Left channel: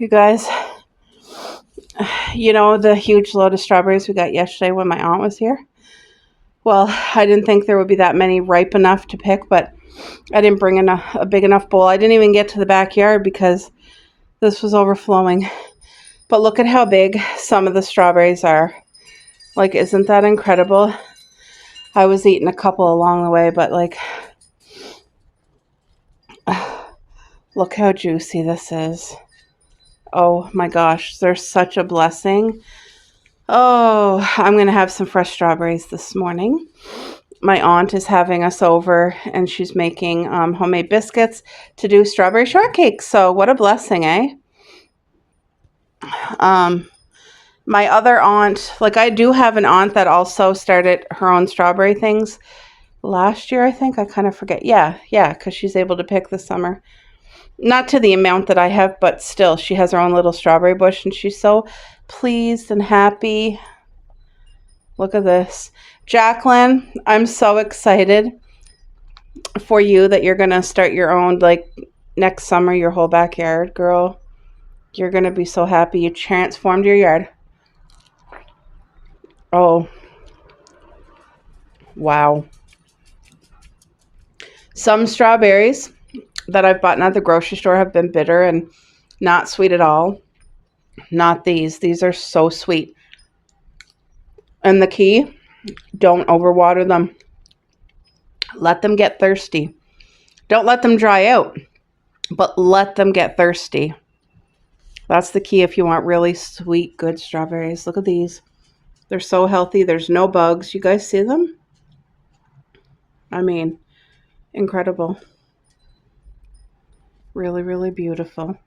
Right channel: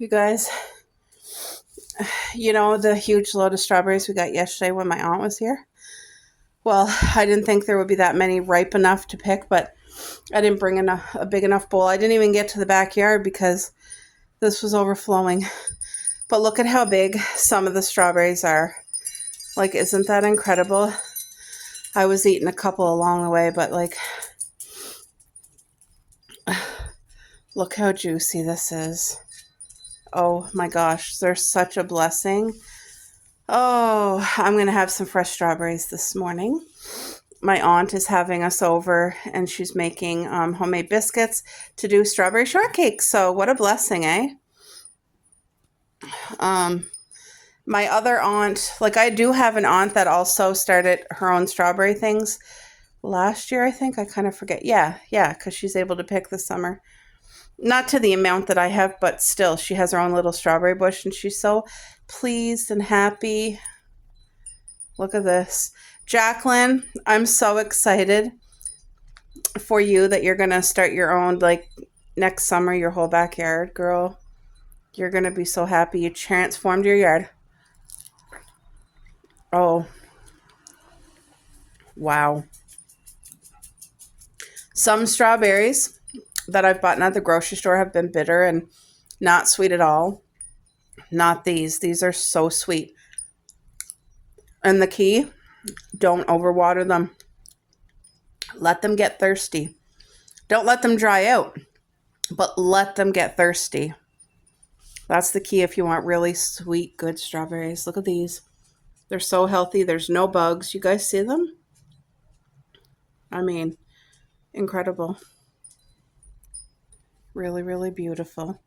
You guys, the huge load of strawberries we got yesterday when my aunt was here? Well, I didn't think there would be that many ripe enough to pick, but I didn't bring a big enough bowl. I didn't even get to the backyard because this was overflowing. But look at how big some of the strawberries are. Like, isn't that incredible? I was eating a couple along the way, but look how juicy this is. Oh my gosh, they're such a blessing. Oh, I'm going to have some fresh strawberries this morning. My aunt is having us over and she's making homemade biscuits to do strawberry shortcake. So what a blessing, eh? My other aunt, I do have an aunt that also started her own strawberry things last year, I think. I kind of forget. Yeah, because she's able to pick this summer. Not to the amount that I have, but still, she has her own little strawberry bush and she's so pleased and happy. Look at this. Jacqueline, I'm so excited for you that you're going to start your own, next summer, your whole backyard, girl. You're going to be so happy you transformed your yard. Oh, wow. Some strawberries that I've bought at the grocery store have been bitter and not sweet at all. Not these. These are so sweet. And the key, don't overwater them. Let them get thirsty. Don't let them dry out, but let them get thirsty. That's the key if you want really sweet, good strawberries. Look at these. They're so healthy. There's no bugs. You guys see them? I mean, incredible. Really, really beautiful.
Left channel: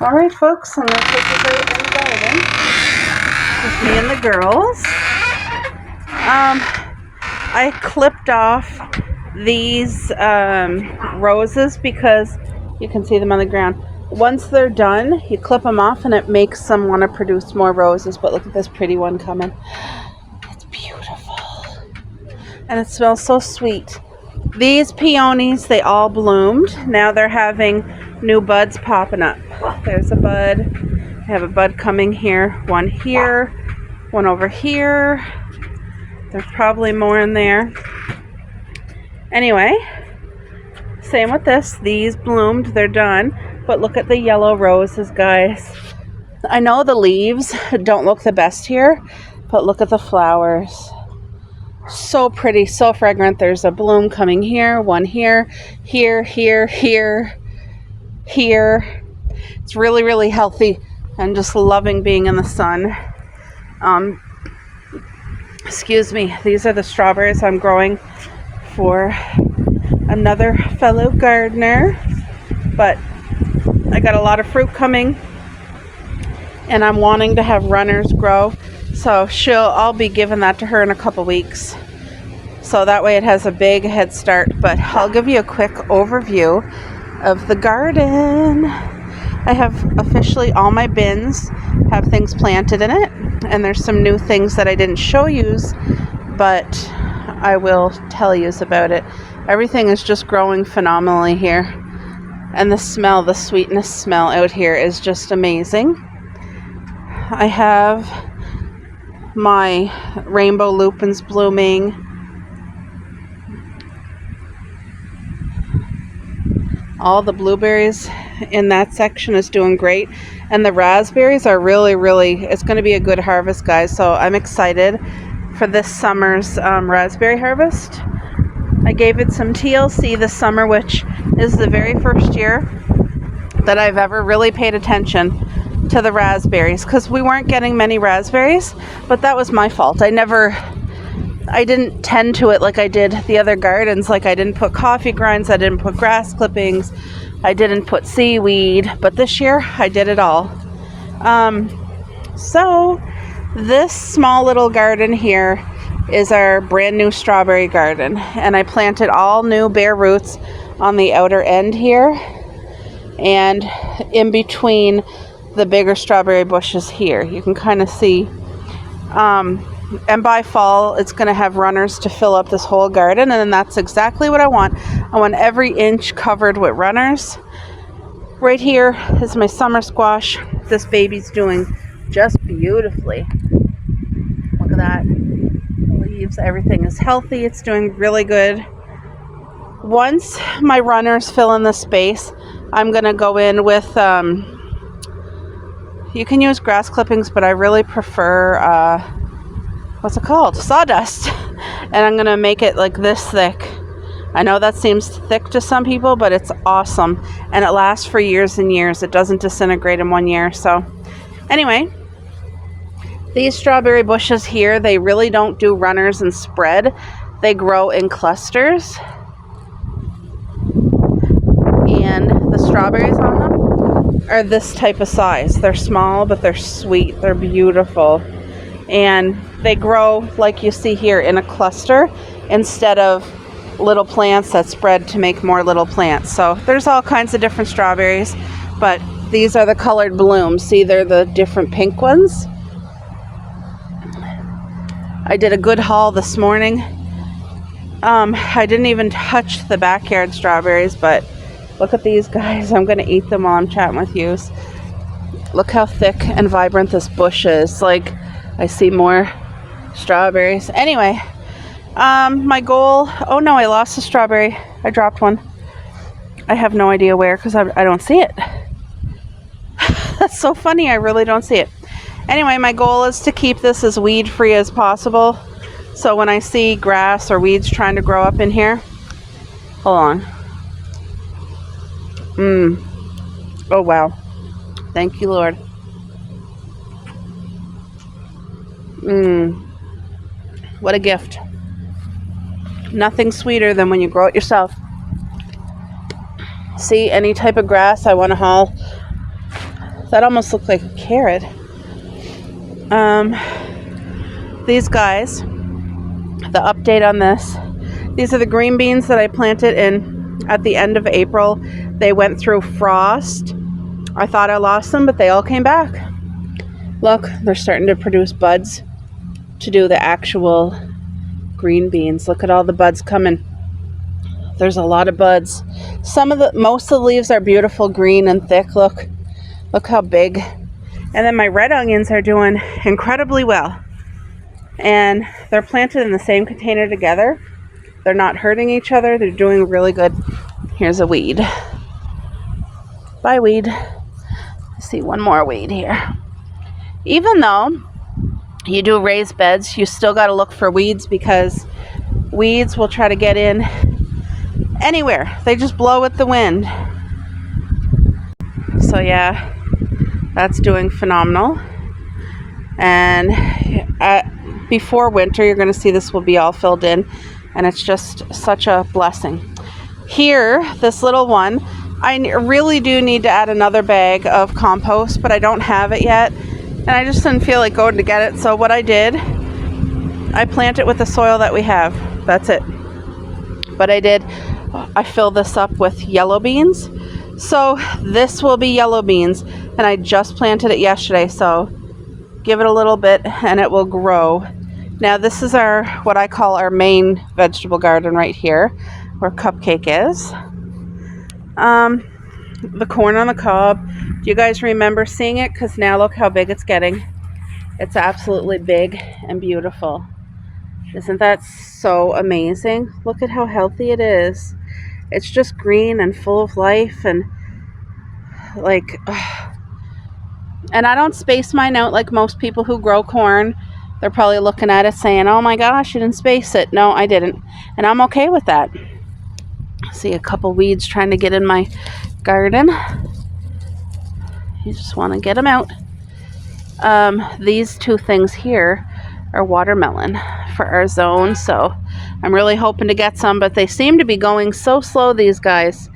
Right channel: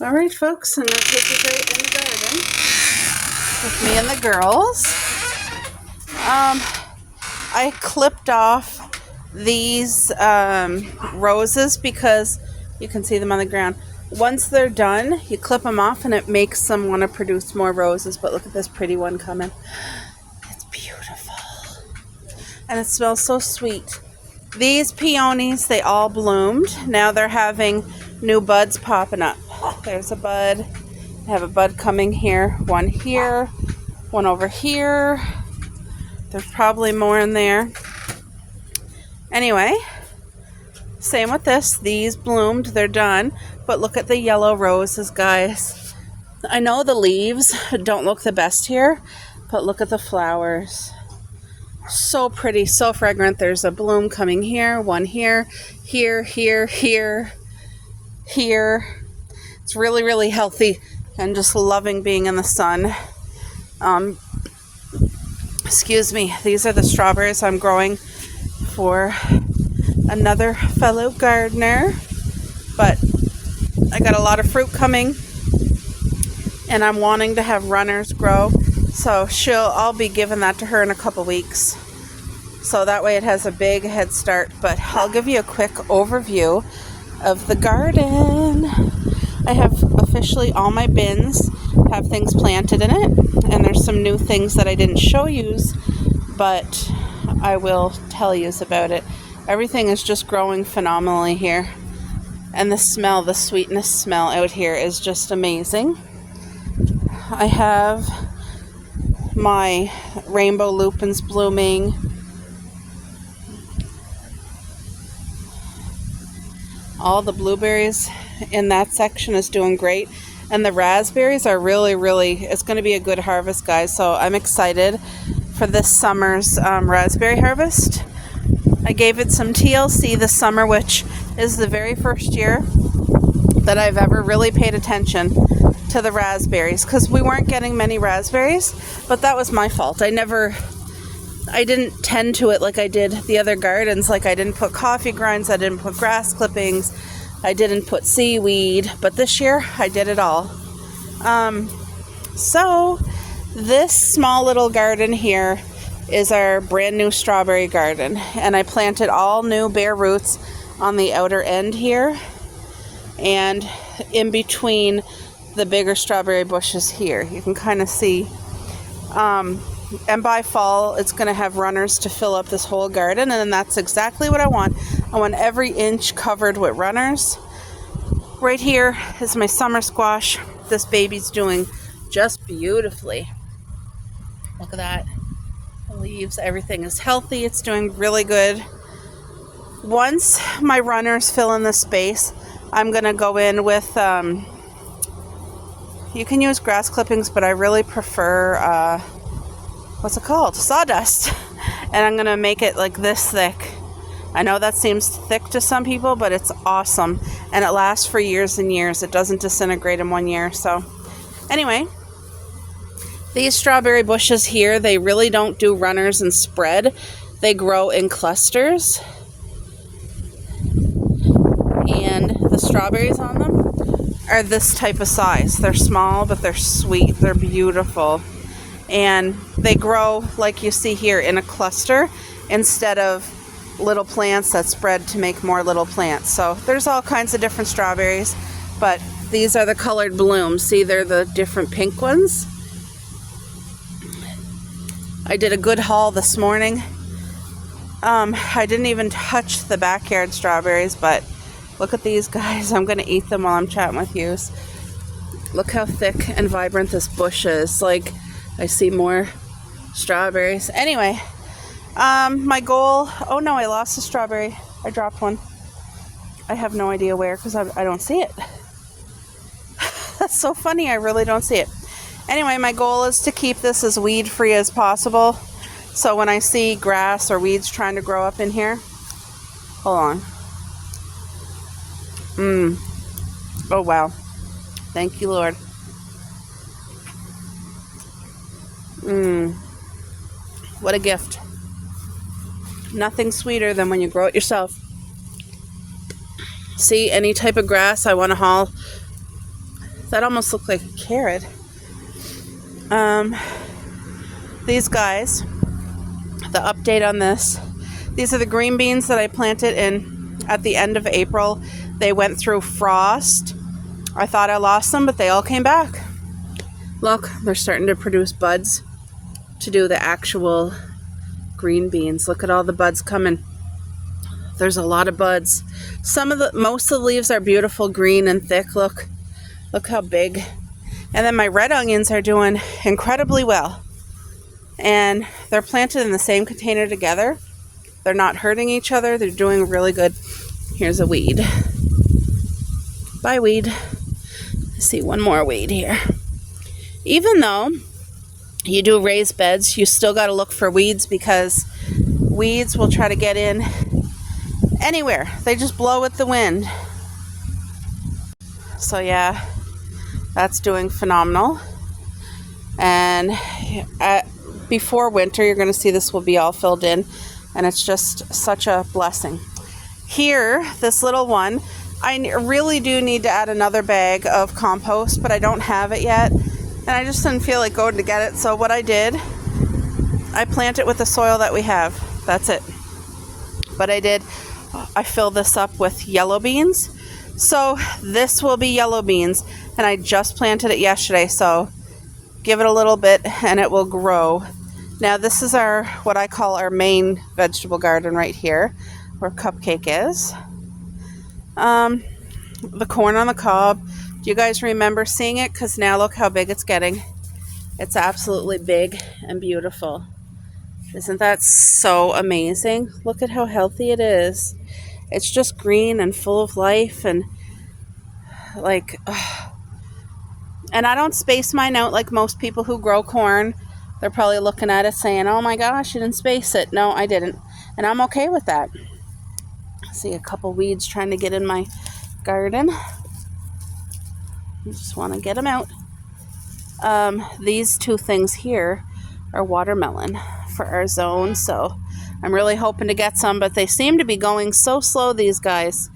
All right, folks, I'm going to take you out in the garden with me and the girls. I clipped off these roses because you can see them on the ground. Once they're done, you clip them off and it makes them want to produce more roses. But look at this pretty one coming. It's beautiful. And it smells so sweet. These peonies, they all bloomed. Now they're having new buds popping up. There's a bud. I have a bud coming here, one over here. There's probably more in there. Anyway, same with this. These bloomed. They're done. But look at the yellow roses, guys. I know the leaves don't look the best here, but look at the flowers. So pretty, so fragrant. There's a bloom coming here, one here, here. It's really, really healthy and just loving being in the sun. Excuse me. These are the strawberries I'm growing for another fellow gardener. But I got a lot of fruit coming and I'm wanting to have runners grow. So I'll be giving that to her in a couple weeks. So that way it has a big head start. But I'll give you a quick overview of the garden. I have officially all my bins have things planted in it. And there's some new things that I didn't show you, but I will tell you about it. Everything is just growing phenomenally here. And the sweetness smell out here is just amazing. I have my rainbow lupins blooming. All the blueberries in that section is doing great. And the raspberries are really, really, it's going to be a good harvest, guys. So I'm excited for this summer's raspberry harvest. I gave it some TLC this summer, which is the very first year that I've ever really paid attention to the raspberries, because we weren't getting many raspberries, but that was my fault. I didn't tend to it like I did the other gardens. Like, I didn't put coffee grinds, I didn't put grass clippings, I didn't put seaweed, but this year I did it all. So this small little garden here is our brand new strawberry garden, and I planted all new bare roots on the outer end here and in between the bigger strawberry bushes here. You can kind of see. And by fall, it's going to have runners to fill up this whole garden, and that's exactly what I want. I want every inch covered with runners. Right here is my summer squash. This baby's doing just beautifully. Look at that. The leaves, everything is healthy. It's doing really good. Once my runners fill in the space, I'm going to go in with, you can use grass clippings, but I really prefer, what's it called? Sawdust. And I'm going to make it like this thick. I know that seems thick to some people, but it's awesome. And it lasts for years and years. It doesn't disintegrate in 1 year. So anyway, these strawberry bushes here, they really don't do runners and spread. They grow in clusters. And the strawberries on them are this type of size. They're small, but they're sweet. They're beautiful. And they grow like you see here in a cluster instead of little plants that spread to make more little plants. So there's all kinds of different strawberries, but these are the colored blooms. See, they're the different pink ones. I did a good haul this morning. I didn't even touch the backyard strawberries, but look at these guys. I'm going to eat them while I'm chatting with you. Look how thick and vibrant this bush is. Like, I see more strawberries. Anyway, my goal, oh no, I lost a strawberry. I dropped one. I have no idea where because I don't see it. That's so funny. I really don't see it. Anyway, my goal is to keep this as weed free as possible. So when I see grass or weeds trying to grow up in here, hold on. Oh wow. Thank you, Lord. What a gift. Nothing sweeter than when you grow it yourself. See, any type of grass I want to haul. That almost looked like a carrot. These guys, the update on this, these are the green beans that I planted in at the end of April. They went through frost. I thought I lost them, but they all came back. Look, they're starting to produce buds to do the actual green beans. Look at all the buds coming. There's a lot of buds. Most of the leaves are beautiful green and thick. Look how big. And then my red onions are doing incredibly well. And they're planted in the same container together. They're not hurting each other. They're doing really good. Here's a weed. Bye, weed. I see one more weed here. Even though you do raised beds, you still got to look for weeds because weeds will try to get in anywhere. They just blow with the wind. So yeah, that's doing phenomenal. And before winter, you're going to see this will be all filled in, and it's just such a blessing. Here, this little one, I really do need to add another bag of compost, but I don't have it yet. And I just didn't feel like going to get it. So what I did, I plant it with the soil that we have. That's it. But I filled this up with yellow beans. So this will be yellow beans. And I just planted it yesterday. So give it a little bit and it will grow. Now this is what I call our main vegetable garden right here, where Cupcake is. The corn on the cob. Do you guys remember seeing it? Because now look how big it's getting. It's absolutely big and beautiful. Isn't that so amazing? Look at how healthy it is. It's just green and full of life and like, and I don't space mine out like most people who grow corn. They're probably looking at it saying, oh my gosh, you didn't space it. No, I didn't. And I'm okay with that. See a couple weeds trying to get in my garden. You just want to get them out. These two things here are watermelon for our zone, so I'm really hoping to get some, but they seem to be going so slow, these guys.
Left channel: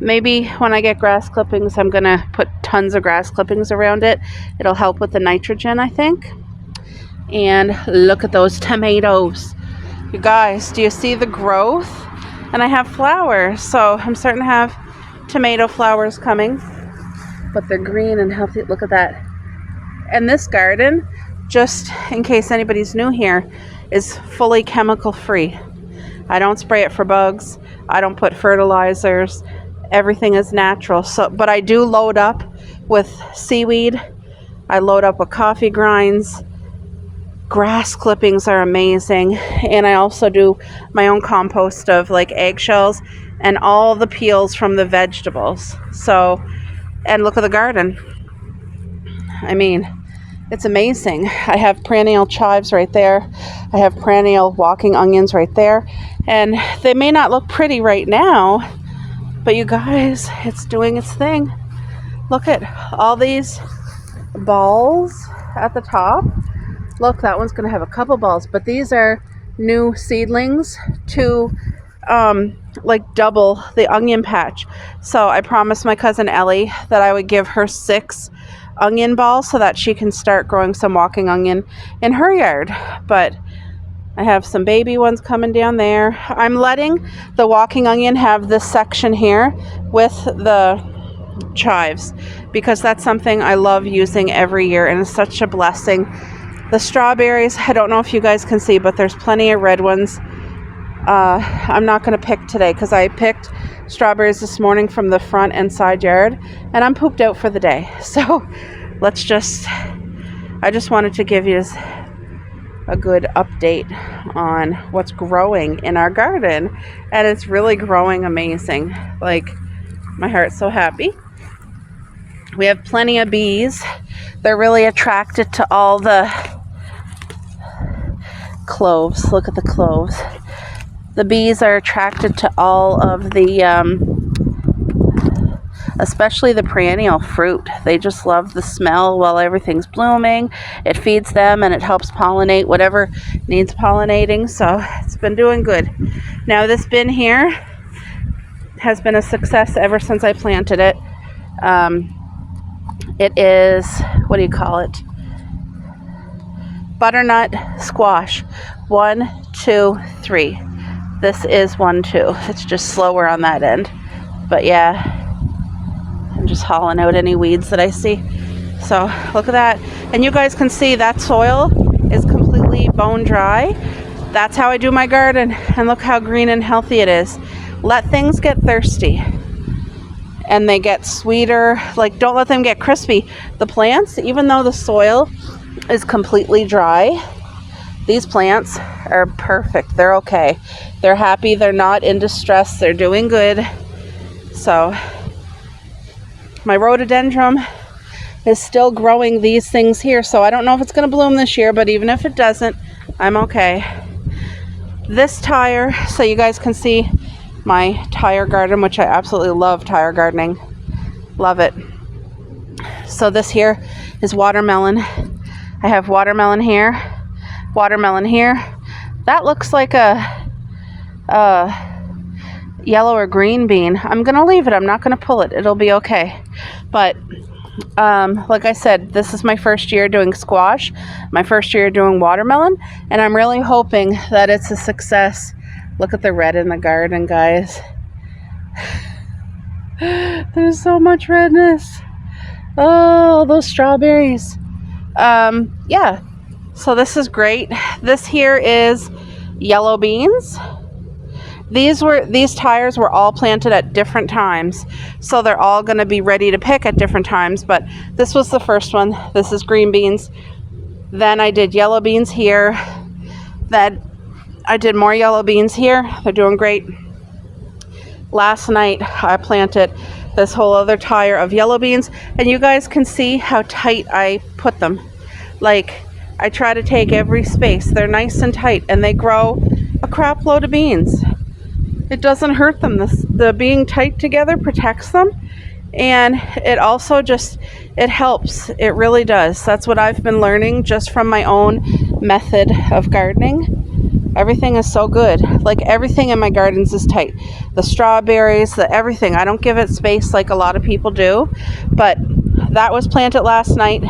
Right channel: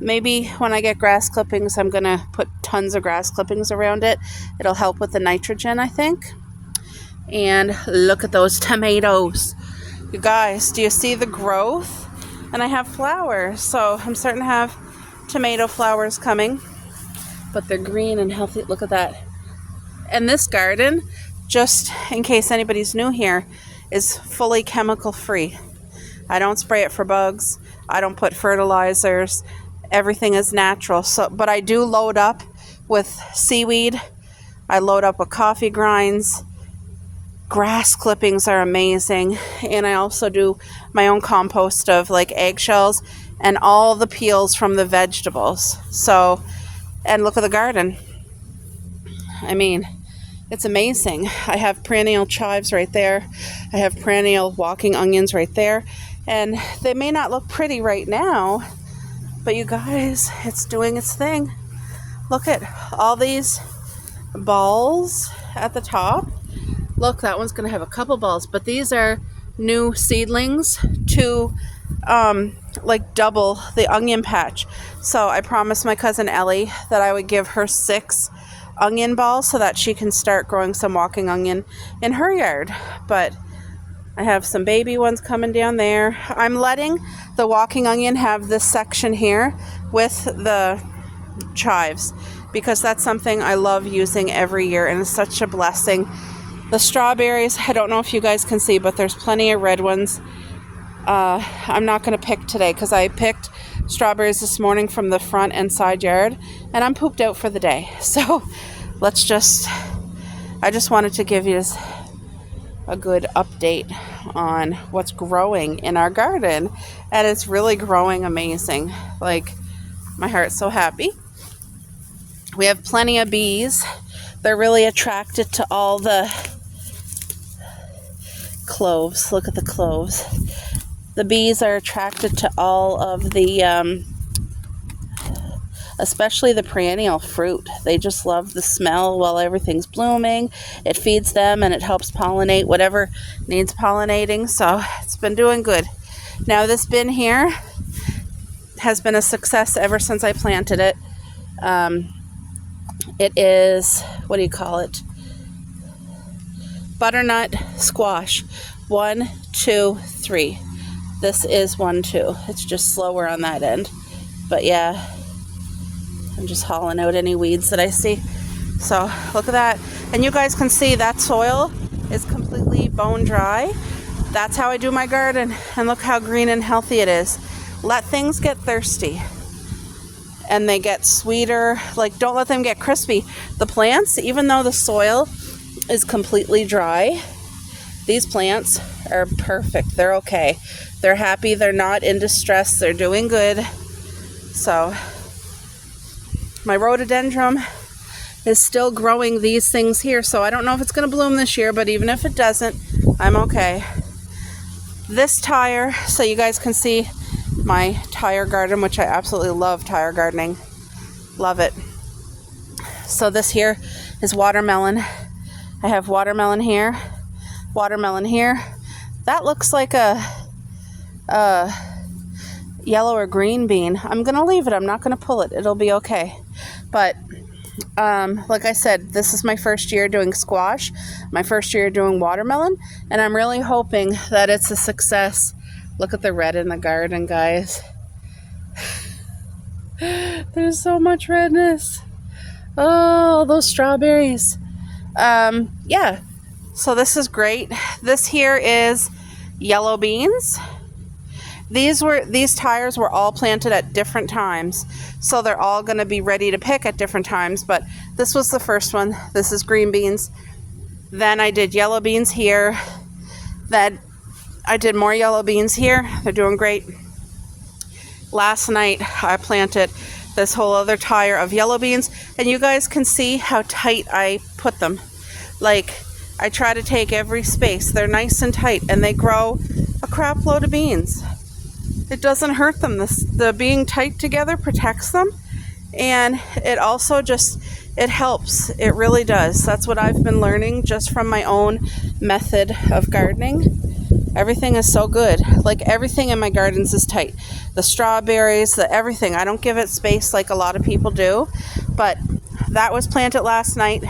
Maybe when I get grass clippings, I'm gonna put tons of grass clippings around it. It'll help with the nitrogen, I think. And look at those tomatoes. You guys, do you see the growth? And I have flowers, so I'm starting to have tomato flowers coming, but they're green and healthy. Look at that. And this garden, just in case anybody's new here, is fully chemical free. I don't spray it for bugs. I don't put fertilizers. everything is natural. So, but I do load up with seaweed. I load up with coffee grinds. Grass clippings are amazing. And I also do my own compost of like eggshells and all the peels from the vegetables. So, and look at the garden. I mean, it's amazing. I have perennial chives right there. I have perennial walking onions right there. And they may not look pretty right now, but you guys, it's doing its thing. Look at all these balls at the top. Look, that one's going to have a couple balls, but these are new seedlings to like double the onion patch. So I promised my cousin Ellie that I would give her 6 onion balls so that she can start growing some walking onion in her yard. But I have some baby ones coming down there. I'm letting the walking onion have this section here with the chives because that's something I love using every year and it's such a blessing. The strawberries, I don't know if you guys can see, but there's plenty of red ones. I'm not going to pick today because I picked strawberries this morning from the front and side yard and I'm pooped out for the day. So I just wanted to give you a good update on what's growing in our garden, and it's really growing amazing. Like, my heart's so happy. We have plenty of bees. They're really attracted to all the cloves. Look at the cloves. The bees are attracted to all of the especially the perennial fruit. They just love the smell while everything's blooming. It feeds them and it helps pollinate whatever needs pollinating. So it's been doing good. Now this bin here has been a success ever since I planted it. It is, what do you call it? Butternut squash. 1, 2, 3. This is 1, 2. It's just slower on that end. But yeah, I'm just hauling out any weeds that I see. So look at that. And you guys can see that soil is completely bone dry. That's how I do my garden. And look how green and healthy it is. Let things get thirsty and they get sweeter. Like, don't let them get crispy. The plants, even though the soil is completely dry, these plants are perfect. They're okay. They're happy. They're not in distress. They're doing good. So my rhododendron is still growing these things here. So I don't know if it's going to bloom this year, but even if it doesn't, I'm okay. This tire, so you guys can see my tire garden, which I absolutely love tire gardening. Love it. So this here is watermelon. I have watermelon here, watermelon here. That looks like a yellow or green bean. I'm going to leave it. I'm not going to pull it. It'll be okay. But like I said, this is my first year doing squash, my first year doing watermelon, and I'm really hoping that it's a success. Look at the red in the garden, guys. There's so much redness. Oh, those strawberries. Yeah, so this is great. This here is yellow beans. These tires were all planted at different times, so they're all going to be ready to pick at different times, but this was the first one. This is green beans. Then I did yellow beans here. Then I did more yellow beans here. They're doing great. Last night I planted this whole other tire of yellow beans, and you guys can see how tight I put them. Like, I try to take every space. They're nice and tight, and they grow a crap load of beans. It doesn't hurt them. The being tight together protects them, and it also just, it helps. It really does. That's what I've been learning just from my own method of gardening. Everything is so good. Like, everything in my gardens is tight. The strawberries, the everything. I don't give it space like a lot of people do, but that was planted last night.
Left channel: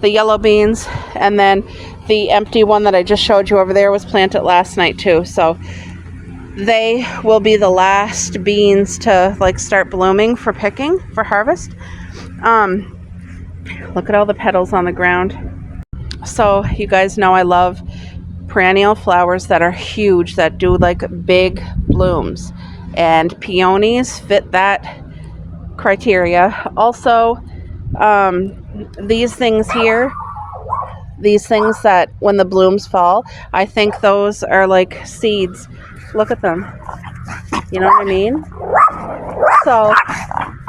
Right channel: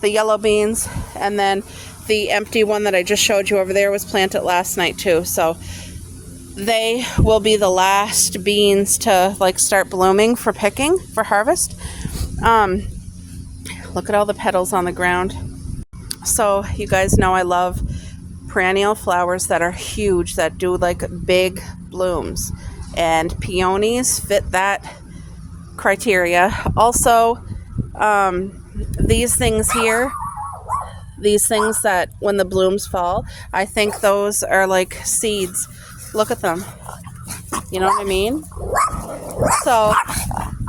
The yellow beans, and then the empty one that I just showed you over there was planted last night too. So they will be the last beans to like start blooming for picking, for harvest. Look at all the petals on the ground. So you guys know I love perennial flowers that are huge, that do like big blooms, and peonies fit that criteria. Also, these things here, these things that when the blooms fall, I think those are like seeds. Look at them. You know what I mean? So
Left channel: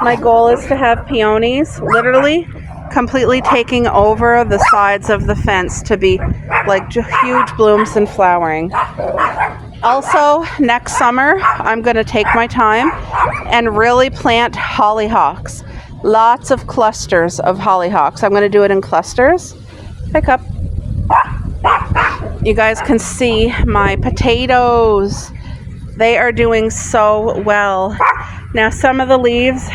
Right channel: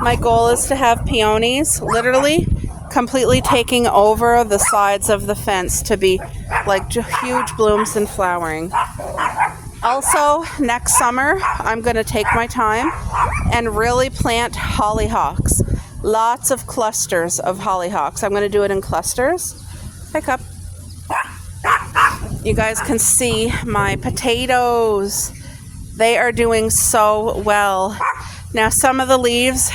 my goal is to have peonies literally completely taking over the sides of the fence to be like huge blooms and flowering. Also, next summer, I'm going to take my time and really plant hollyhocks. Lots of clusters of hollyhocks. I'm going to do it in clusters. Pick up. You guys can see my potatoes. They are doing so well. Now, some of the leaves,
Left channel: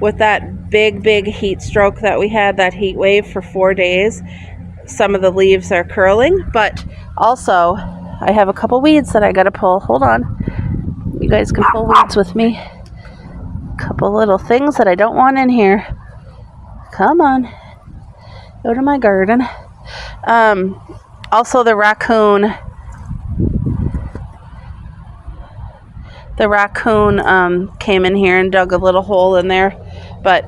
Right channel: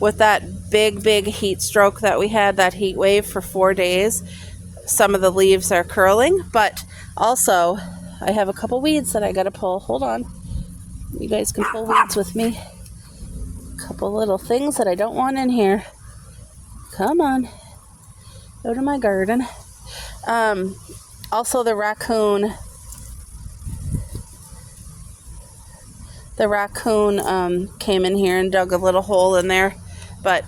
with that big heat stroke that we had, that heat wave for 4 days, some of the leaves are curling, but also I have a couple weeds that I gotta pull. Hold on. You guys can pull weeds with me. A couple little things that I don't want in here. Come on. Go to my garden. Also the raccoon came in here and dug a little hole in there. But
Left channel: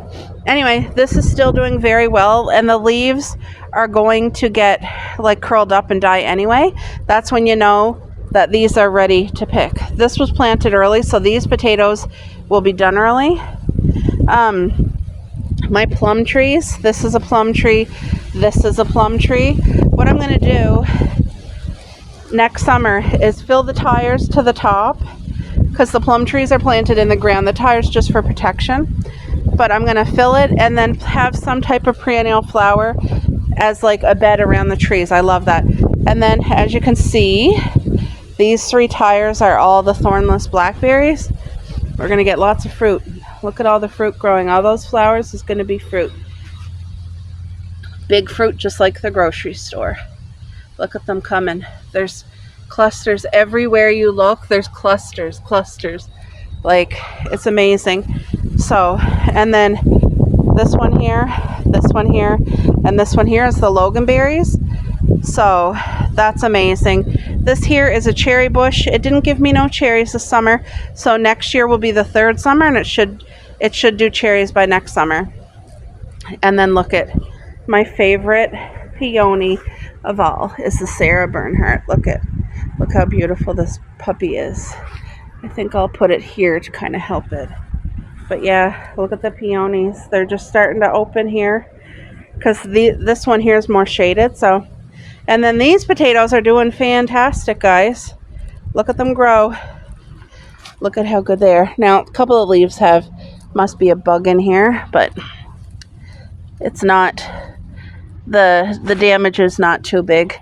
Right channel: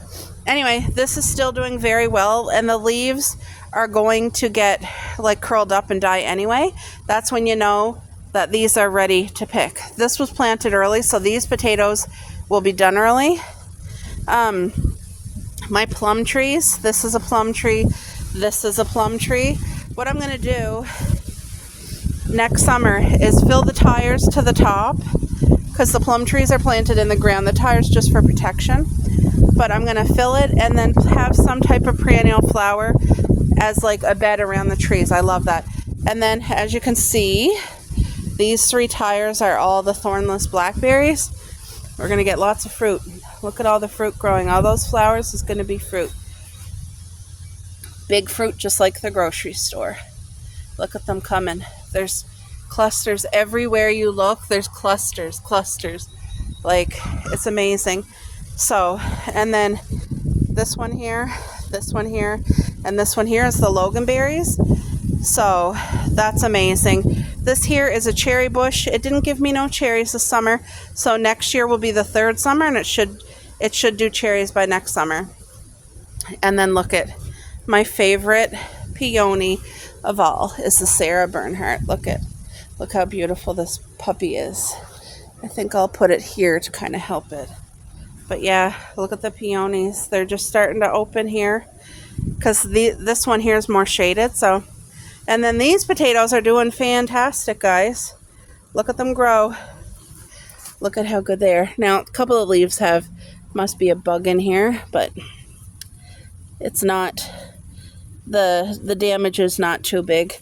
anyway, this is still doing very well, and the leaves are going to get like curled up and die anyway. That's when you know that these are ready to pick. This was planted early, so these potatoes will be done early. My plum trees, this is a plum tree, this is a plum tree. What I'm going to do next summer is fill the tires to the top, because the plum trees are planted in the ground. The tire's just for protection, but I'm going to fill it and then have some type of perennial flower as like a bed around the trees. I love that. And then, as you can see, these 3 tires are all the thornless blackberries. We're going to get lots of fruit. Look at all the fruit growing. All those flowers is going to be fruit. Big fruit, just like the grocery store. Look at them coming. There's clusters everywhere you look. There's clusters. Like, it's amazing. So, and then this one here, and this one here is the loganberries. So that's amazing. This here is a cherry bush. It didn't give me no cherries this summer, so next year will be the 3rd summer, and it should do cherries by next summer. And then look at my favorite peony of all is the Sarah Bernhardt. Look how beautiful this puppy is. I think I'll put it here to kind of help it. But yeah, look at the peonies. They're just starting to open here because this one here is more shaded. So, and then these potatoes are doing fantastic, guys. Look at them grow. Look at how good they are. Now, a couple of leaves must be a bug in here, but it's not. The damage is not too big.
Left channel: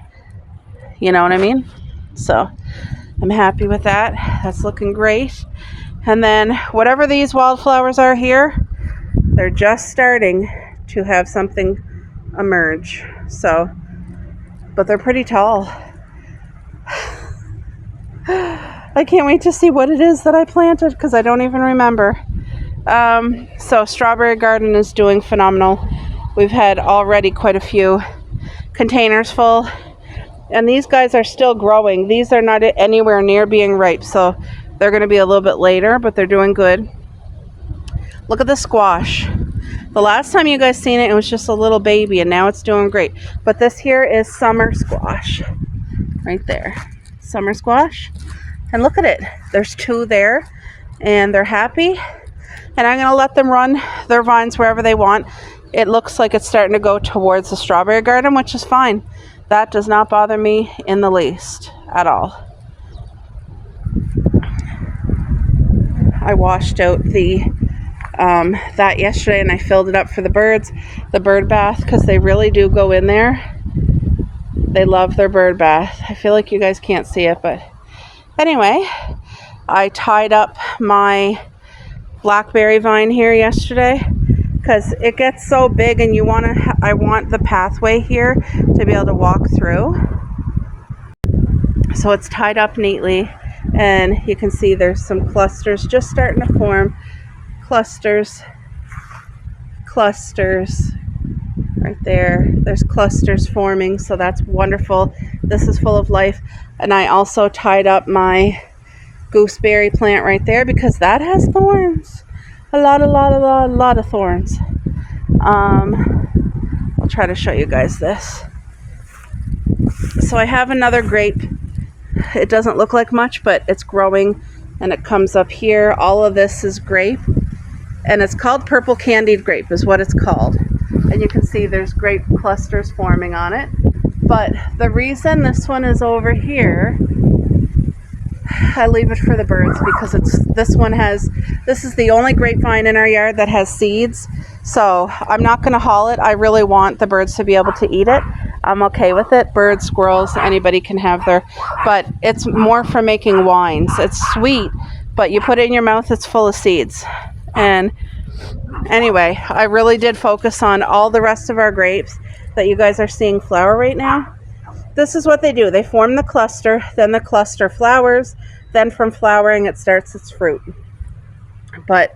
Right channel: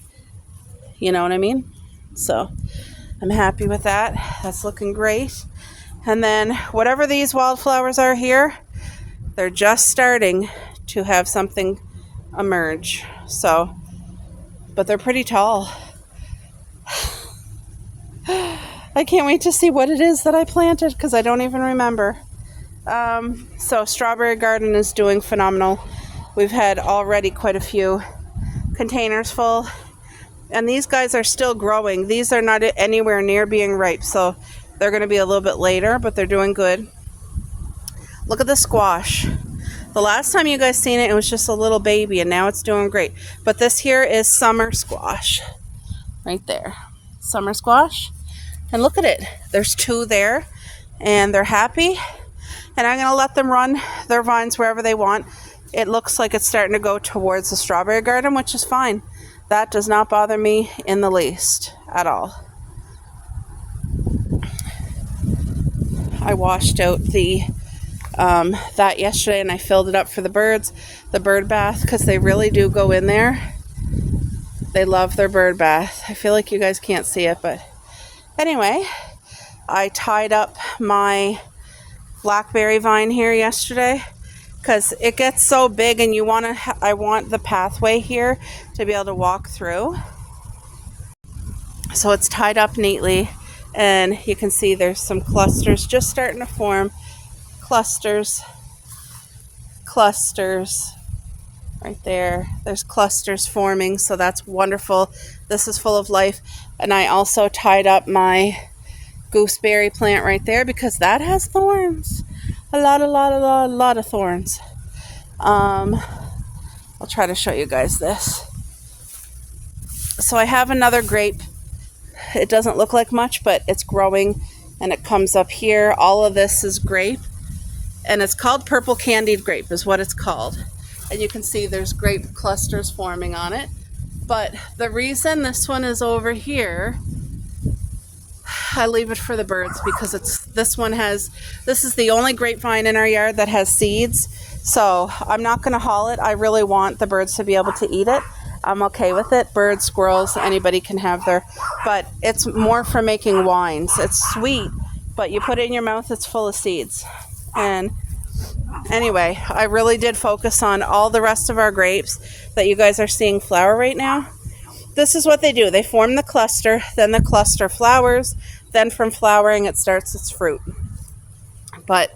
You know what I mean? So I'm happy with that. That's looking great. And then whatever these wildflowers are here, they're just starting to have something emerge. So, but they're pretty tall. I can't wait to see what it is that I planted, because I don't even remember. So strawberry garden is doing phenomenal. We've had already quite a few containers full, and these guys are still growing. These are not anywhere near being ripe, so they're going to be a little bit later, but they're doing good. Look at the squash. The last time you guys seen it, it was just a little baby, and now it's doing great. But this here is summer squash. Right there. Summer squash. And look at it. There's 2 there, and they're happy. And I'm going to let them run their vines wherever they want. It looks like it's starting to go towards the strawberry garden, which is fine. That does not bother me in the least at all. I washed out that yesterday, and I filled it up for the birds, the bird bath, because they really do go in there. They love their bird bath. I feel like you guys can't see it, but anyway, I tied up my blackberry vine here yesterday because it gets so big, and I want the pathway here to be able to walk through. So it's tied up neatly, and you can see there's some clusters just starting to form. Clusters right there. There's clusters forming, so that's wonderful. This is full of life. And I also tied up my gooseberry plant right there because that has thorns. a lot of thorns. I'll try to show you guys this. So I have another grape. It doesn't look like much, but it's growing and it comes up here. All of this is grape, and it's called purple candied grape is what it's called. And you can see there's grape clusters forming on it. But the reason this one is over here, I leave it for the birds because this is the only grapevine in our yard that has seeds. So I'm not going to haul it. I really want the birds to be able to eat it. I'm okay with it. Birds, squirrels, anybody can have but it's more for making wines. It's sweet, but you put it in your mouth, it's full of seeds. And anyway, I really did focus on all the rest of our grapes that you guys are seeing flower right now. This is what they do. They form the cluster, then the cluster flowers, then from flowering it starts its fruit. But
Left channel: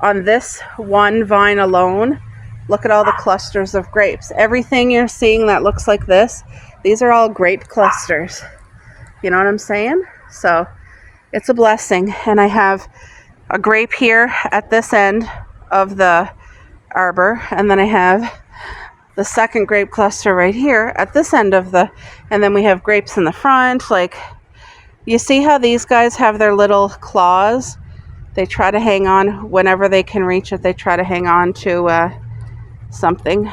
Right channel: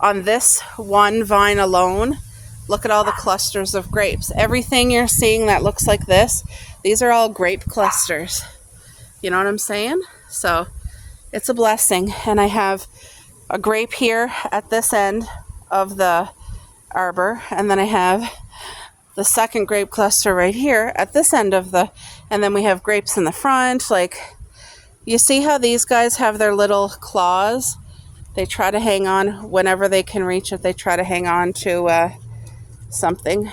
on this one vine alone, look at all the clusters of grapes. Everything you're seeing that looks like this, these are all grape clusters. You know what I'm saying? So it's a blessing. And I have a grape here at this end of the arbor, and then I have the second grape cluster right here at this end of and then we have grapes in the front. Like, you see how these guys have their little claws? They try to hang on whenever they can reach it. They try to hang on to something.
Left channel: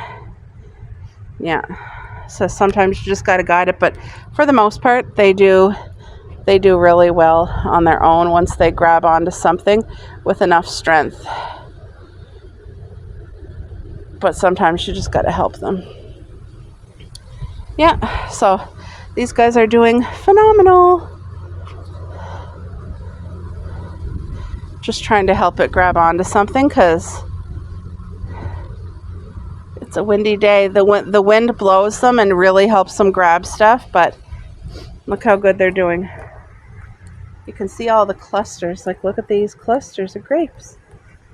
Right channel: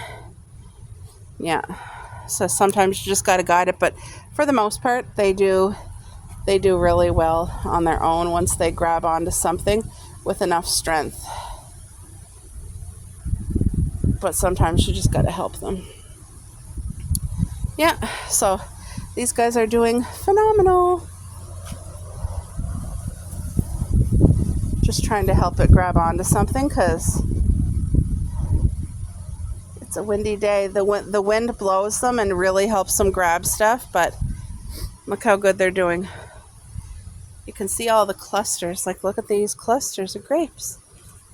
Yeah. So sometimes you just got to guide it, but for the most part, they do really well on their own once they grab onto something with enough strength. But sometimes you just got to help them. Yeah, so these guys are doing phenomenal. Just trying to help it grab onto something because it's a windy day. The wind blows them and really helps them grab stuff, but look how good they're doing. You can see all the clusters. Like, look at these clusters of grapes.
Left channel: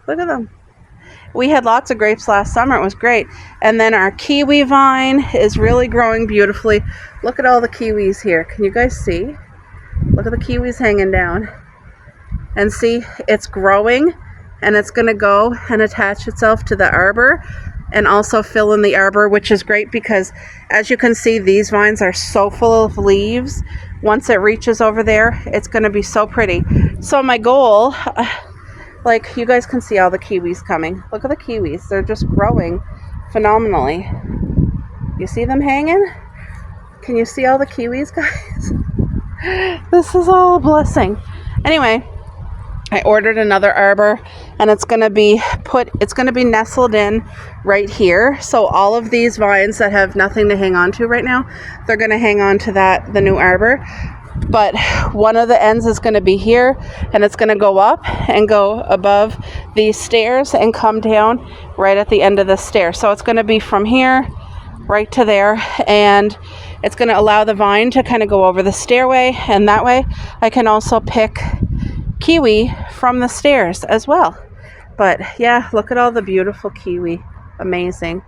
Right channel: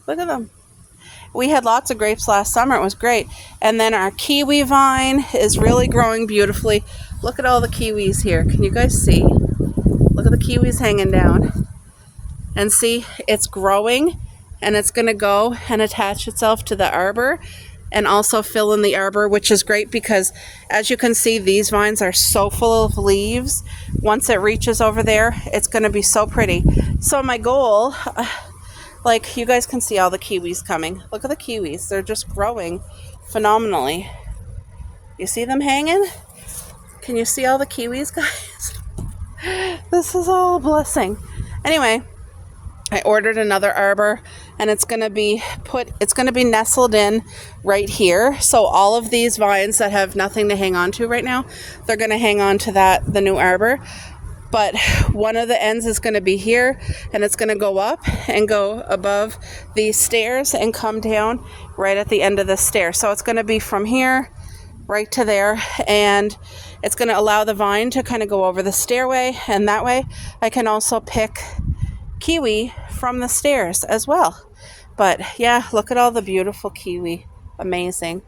Look at them. We had lots of grapes last summer. It was great. And then our kiwi vine is really growing beautifully. Look at all the kiwis here. Can you guys see? Look at the kiwis hanging down. And see, it's growing, and it's going to go and attach itself to the arbor and also fill in the arbor, which is great because, as you can see, these vines are so full of leaves. Once it reaches over there, it's going to be so pretty. So my goal... like, you guys can see all the kiwis coming. Look at the kiwis. They're just growing phenomenally. You see them hanging? Can you see all the kiwis, guys? This is all a blessing. Anyway, I ordered another arbor, and it's going to be nestled in right here. So all of these vines that have nothing to hang on to right now, they're going to hang on to the new arbor. But one of the ends is going to be here, and it's going to go up and go above these stairs and come down right at the end of the stair. So it's going to be from here right to there, and it's going to allow the vine to kind of go over the stairway, and that way I can also pick kiwi from the stairs as well. But yeah, look at all the beautiful kiwi. Amazing.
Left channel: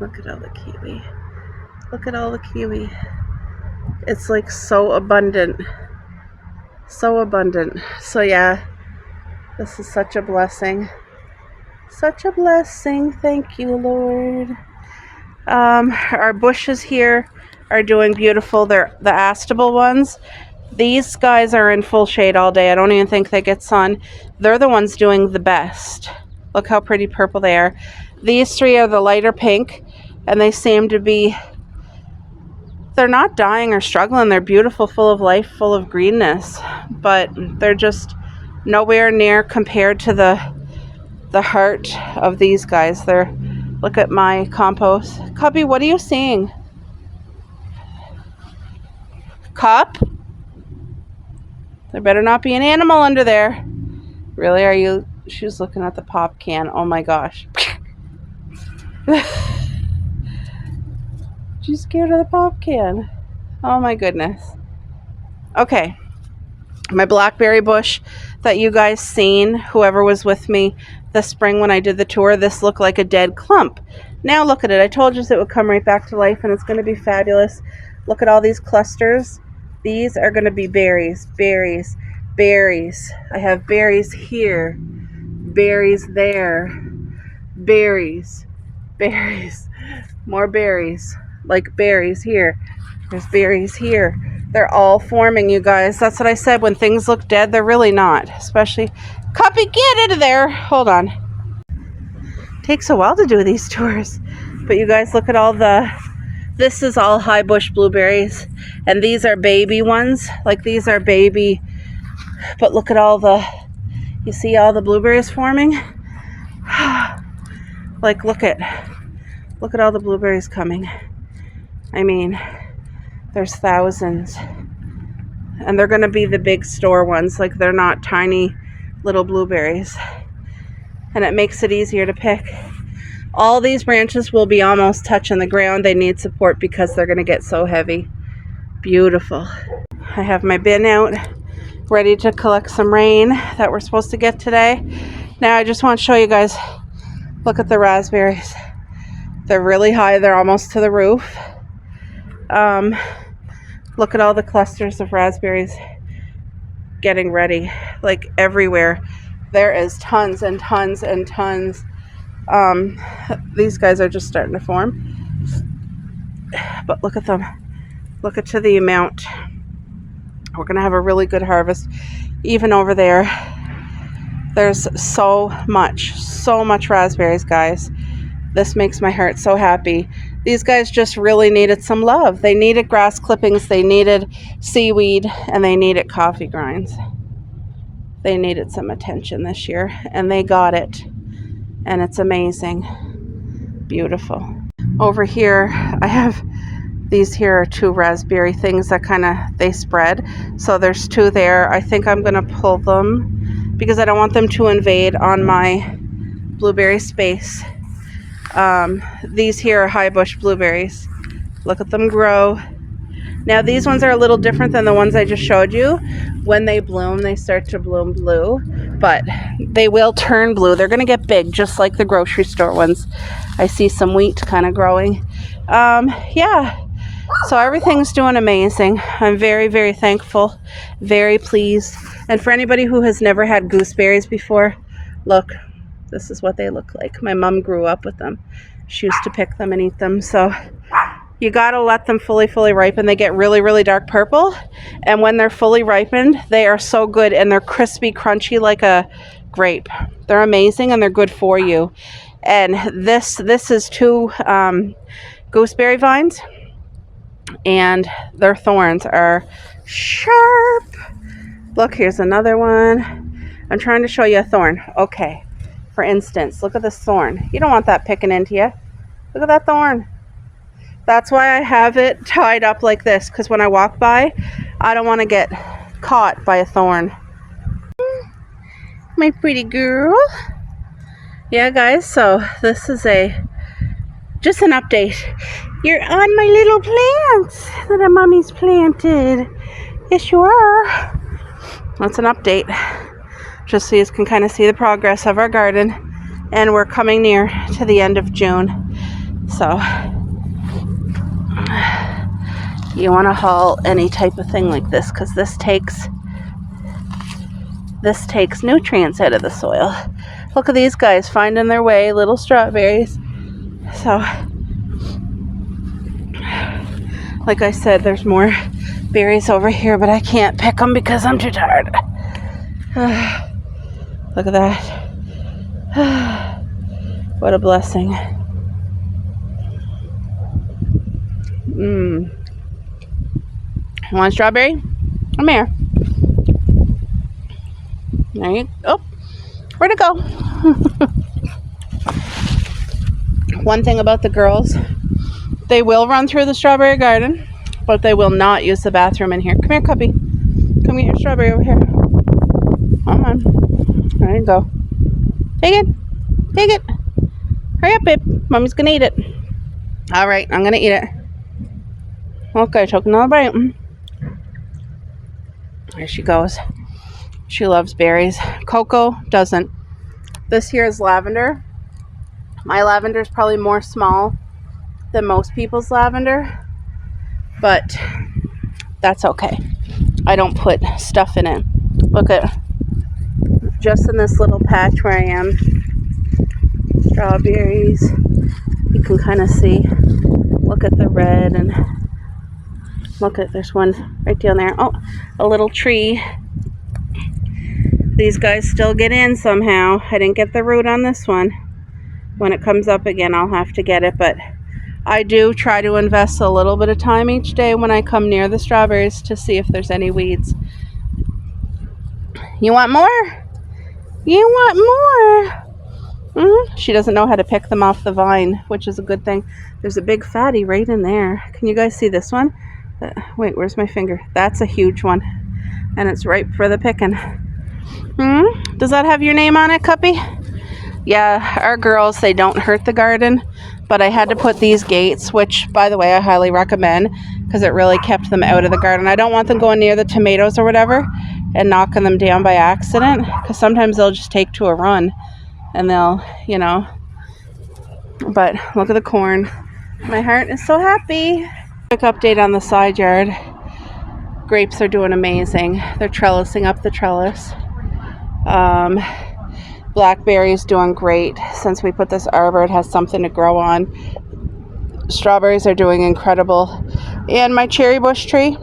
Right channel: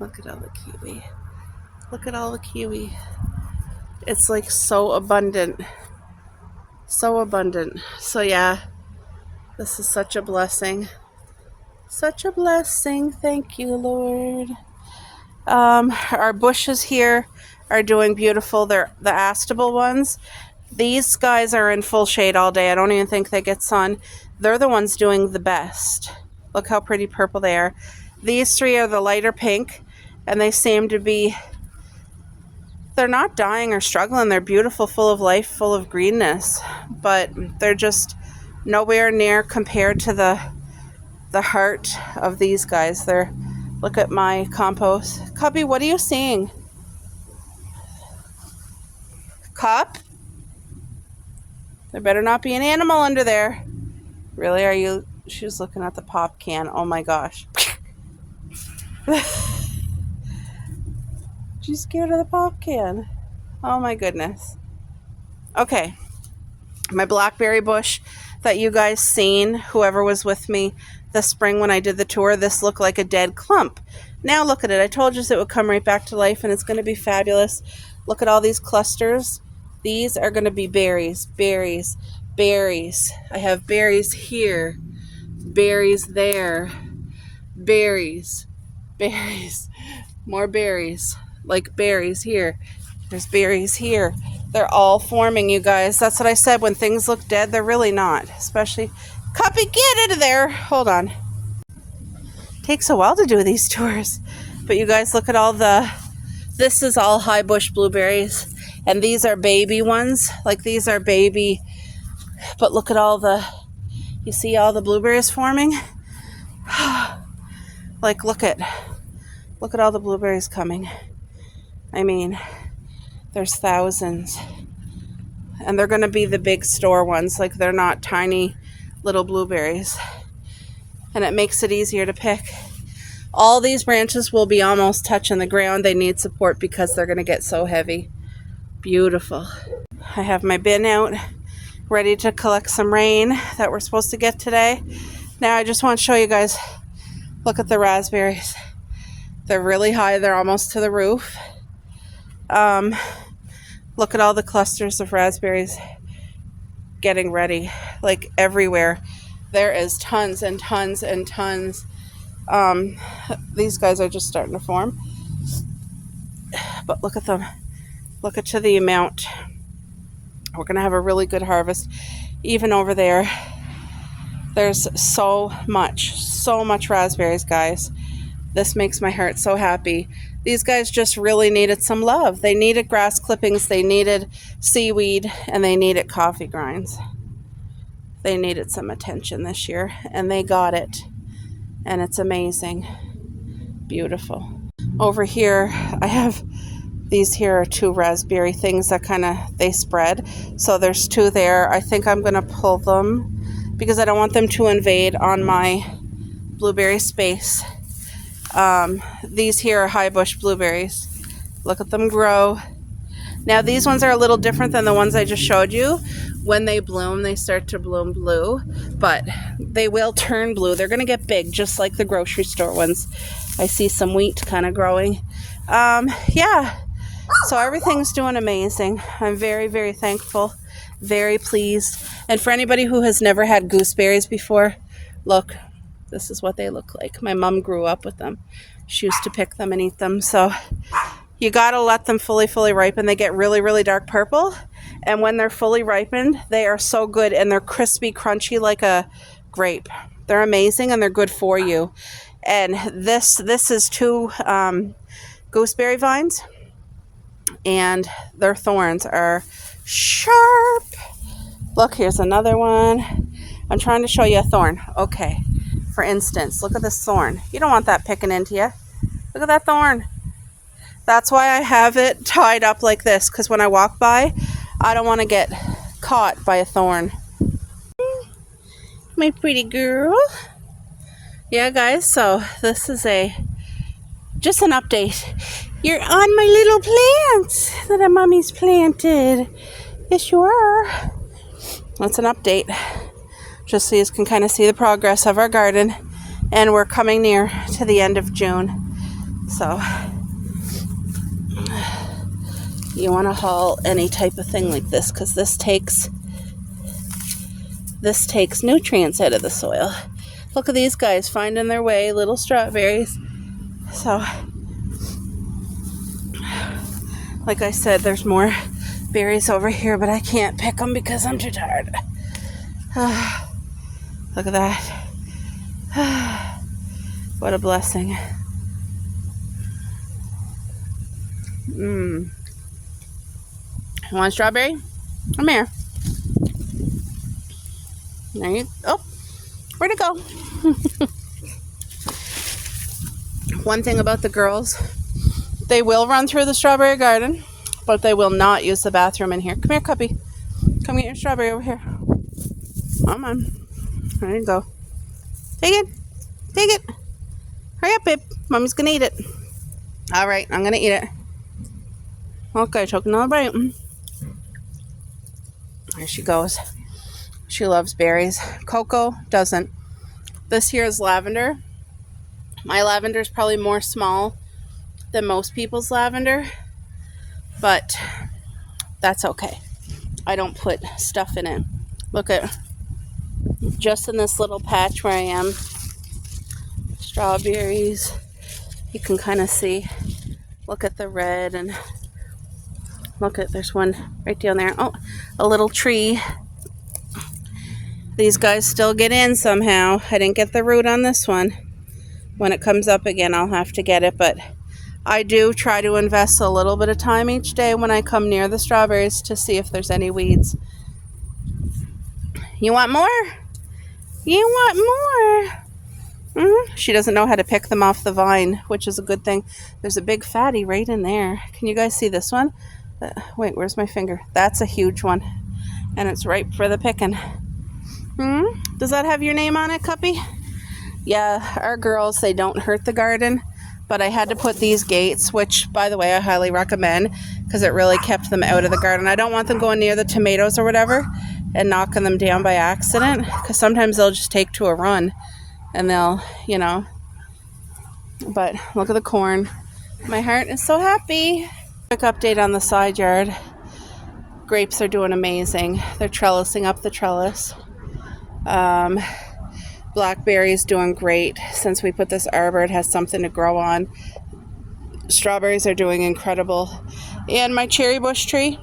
Look at all the kiwi. Look at all the kiwi. It's like so abundant. So abundant. So yeah, this is such a blessing. Such a blessing. Thank you, Lord. Our bushes here are doing beautiful. They're the Astable ones. These guys are in full shade all day. I don't even think they get sun. They're the ones doing the best. Look how pretty purple they are. These three are the lighter pink, and they seem to be... they're not dying or struggling. They're beautiful, full of life, full of greenness, but they're just nowhere near compared to the heart of these guys. Look at my compost. Cubby, what are you seeing? Cup? There better not be an animal under there. Really, are you? She's looking at the pop can. Oh my gosh. She's scared of the pop can. Oh my goodness. Okay. My blackberry bush that you guys seen, whoever was with me this spring when I did the tour, this looked like a dead clump. Now look at it. I told you it would come right back to life, and it's going to be fabulous. Look at all these clusters. These are going to be berries. Berries. Berries. I have berries here, berries there, berries, berries, more berries, like berries here. There's berries here. They're all forming, you guys. That's what I said. When things look dead, they're really not. Especially, Cuppy, get into there. Hold on. Takes a while to do these tours. But you guys, look at all the... This is all high bush blueberries. And these are baby ones. Like, these are baby... But look at all the... You see all the blueberries forming? Like, look at all the blueberries coming. I mean... There's thousands. And they're going to be the big store ones. Like, they're not tiny little blueberries. And it makes it easier to pick. All these branches will be almost touching the ground. They need support because they're going to get so heavy. Beautiful. I have my bin out, ready to collect some rain that we're supposed to get today. Now I just want to show you guys, look at the raspberries. They're really high. They're almost to the roof. Look at all the clusters of raspberries getting ready, like everywhere. There is tons and tons and tons. These guys are just starting to form. But look at them. Look at the amount. We're going to have a really good harvest. Even over there, there's so much raspberries, guys. This makes my heart so happy. These guys just really needed some love. They needed grass clippings, they needed seaweed, and they needed coffee grinds. They needed some attention this year, and they got it. And it's amazing. Beautiful. Over here, I have these here are 2 raspberry things that they spread. So there's 2 there. I think I'm going to pull them because I don't want them to invade on my blueberry space. These here are high bush blueberries. Look at them grow. Now these ones are a little different than the ones I just showed you. When they bloom, they start to bloom blue, but they will turn blue. They're going to get big, just like the grocery store ones. I see some wheat kind of growing. Yeah, so everything's doing amazing. I'm very, very thankful, very pleased. And for anybody who has never had gooseberries before, look. This is what they look like. My mom grew up with them. She used to pick them and eat them. So you gotta let them fully ripen. They get really, really dark purple. And when they're fully ripened, they are so good and they're crispy, crunchy like a grape. They're amazing and they're good for you. And this is 2 gooseberry vines. And their thorns are sharp. Look, here's another one. I'm trying to show you a thorn. Okay. For instance, look at this thorn. You don't want that picking into you. Look at that thorn. That's why I have it tied up like this, because when I walk by, I don't want to get caught by a thorn. My pretty girl. Yeah, guys, so this is just an update. You're on my little plants that mommy's planted. Yes, you are. That's an update. Just so you can kind of see the progress of our garden. And we're coming near to the end of June. So you want to haul any type of thing like this, because this takes nutrients out of the soil. Look at these guys finding their way, little strawberries. So like I said, there's more berries over here, but I can't pick them because I'm too tired. Look at that. What a blessing. Want a strawberry? Come here. There you go. Oh, where'd it go? One thing about the girls, they will run through the strawberry garden, but they will not use the bathroom in here. Come here, Cuppy. Come get your strawberry over here. Come on. There you go. Take it. Take it. Hurry up, babe. Mommy's gonna eat it. All right, I'm gonna eat it. Okay, took another bite. There she goes. She loves berries. Coco doesn't. This here is lavender. My lavender is probably more small than most people's lavender, but that's okay. I don't put stuff in it. Look at, just in this little patch where I am, strawberries. You can kind of see, look at the red, and look at, there's one right down there. Oh, a little tree. These guys still get in somehow. I didn't get the root on this one. When it comes up again, I'll have to get it, but I do try to invest a little bit of time each day when I come near the strawberries to see if there's any weeds. You want more? You want more? She doesn't know how to pick them off the vine, which is a good thing. There's a big fatty right in there. Can you guys see this one? Wait, where's my finger? That's a huge one, and it's ripe for the picking. Does that have your name on it, Cuppy? Yeah, our girls, they don't hurt the garden, but I had to put these gates, which, by the way, I highly recommend because it really kept them out of the garden. I don't want them going near the tomatoes or whatever and knocking them down by accident, because sometimes they'll just take to a run and they'll, you know. But look at the corn. My heart is so happy. Quick update on the side yard. Grapes are doing amazing. They're trellising up the trellis. Blackberries doing great. Since we put this arbor, it has something to grow on. Strawberries are doing incredible. And my cherry bush tree,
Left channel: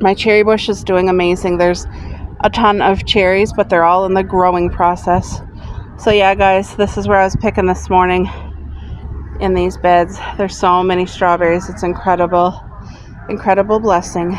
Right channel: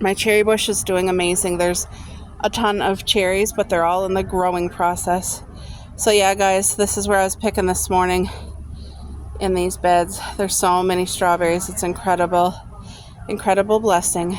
my cherry bush is doing amazing. There's a ton of cherries, but they're all in the growing process. So yeah, guys, this is where I was picking this morning in these beds. There's so many strawberries. It's incredible. Incredible blessing.